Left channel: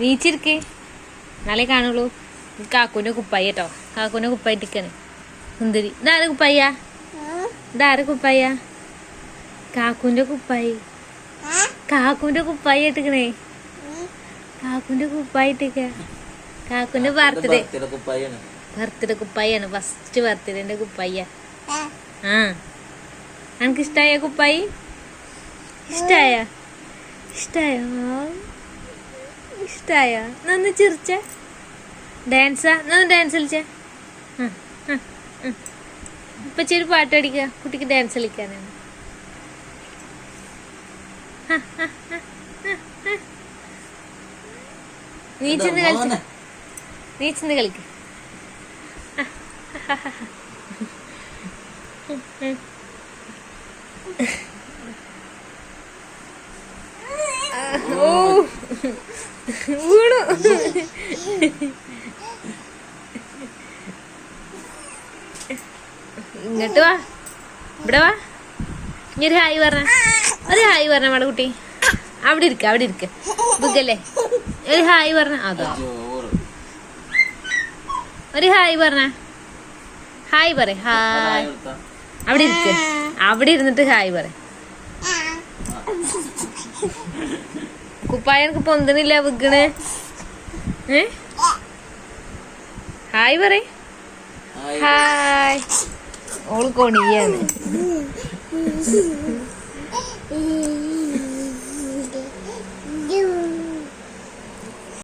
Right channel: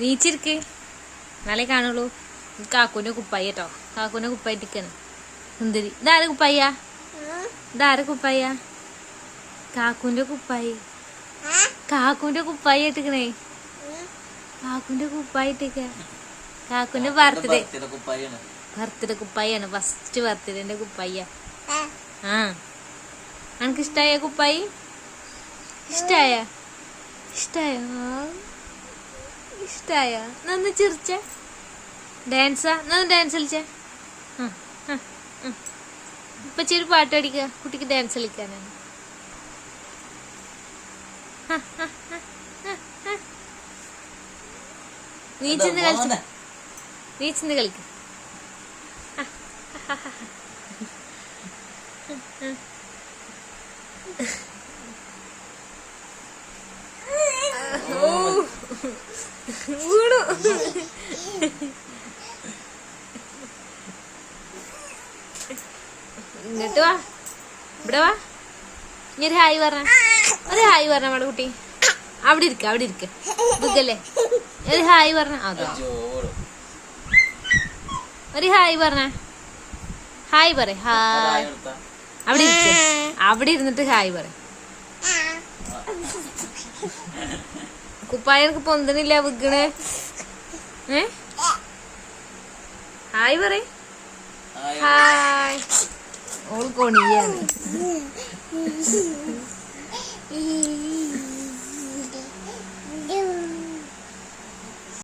നീച്ചിരിക്കേ നാളെ കാണുള്ളൂ. കാക്കൂന്റെ കുപ്പായി കേട്ടോ, കാക്കൂന്റെ കുപ്പായിട്ടിരിക്കാണ് സുന്ദരി. ഇതാര് കുപ്പായ? ഇതാര് കുപ്പായ? കാക്കൂന്റെ കുപ്പായി, കാക്കൂന്റെ കുപ്പായി ഇട്ടിക്കണേ, കാക്കൂന്റെ കുപ്പായി ഇട്ടിക്ക. കാക്കൂന്റെ ബർത്ത്ഡേ കുപ്പായാണ്, ഫസ്റ്റ് ബർത്ത്ഡേന്റെ കുപ്പായ. ആ എനിക്ക് ഇഷ്ടായ കുപ്പായി? ഇഷ്ടായ? ഇഷ്ടായ? നന്ന് ചിരിച്ച ഡാൻസാ? നന്ന് ഡാൻസ് കളിച്ച. ഇപ്പൊ ചെറു പാട്ട് അടിക്ക, കുട്ടിക്ക് ഡാൻസ് കളിക്കാനാണ്. നീച്ചിന്ന് കളിച്ച, നീച്ചിന്ന് കളിക്ക. ഓ വീണു. ഇങ്ങോട്ട് വാ, ഇവിടെ വാ. ഇനി ഒരു ഹായ് പറഞ്ഞ, ഒരു ഹായ് പറഞ്ഞ നമ്മുടെ കുട്ടി. അവിടെ ഇരിക്ക, അവിടെ ഇരിക്ക, ബുക്കല്ലേ. ഒരു ഹായ് പറഞ്ഞ. അതോ ഒരു ഹായ് പറഞ്ഞ, ഹായ് പറ. ഹായ്. അവിടെ ഇരിക്ക, അവിടെ ഇരുന്നിട്ട് ഹായ് പറ. കുപ്പായ എനിക്ക് പൊന്തണില്ല, വിക്കണ്. ഹായ് പറ. ഹായ്. ഓള് കൊണിയാണ്.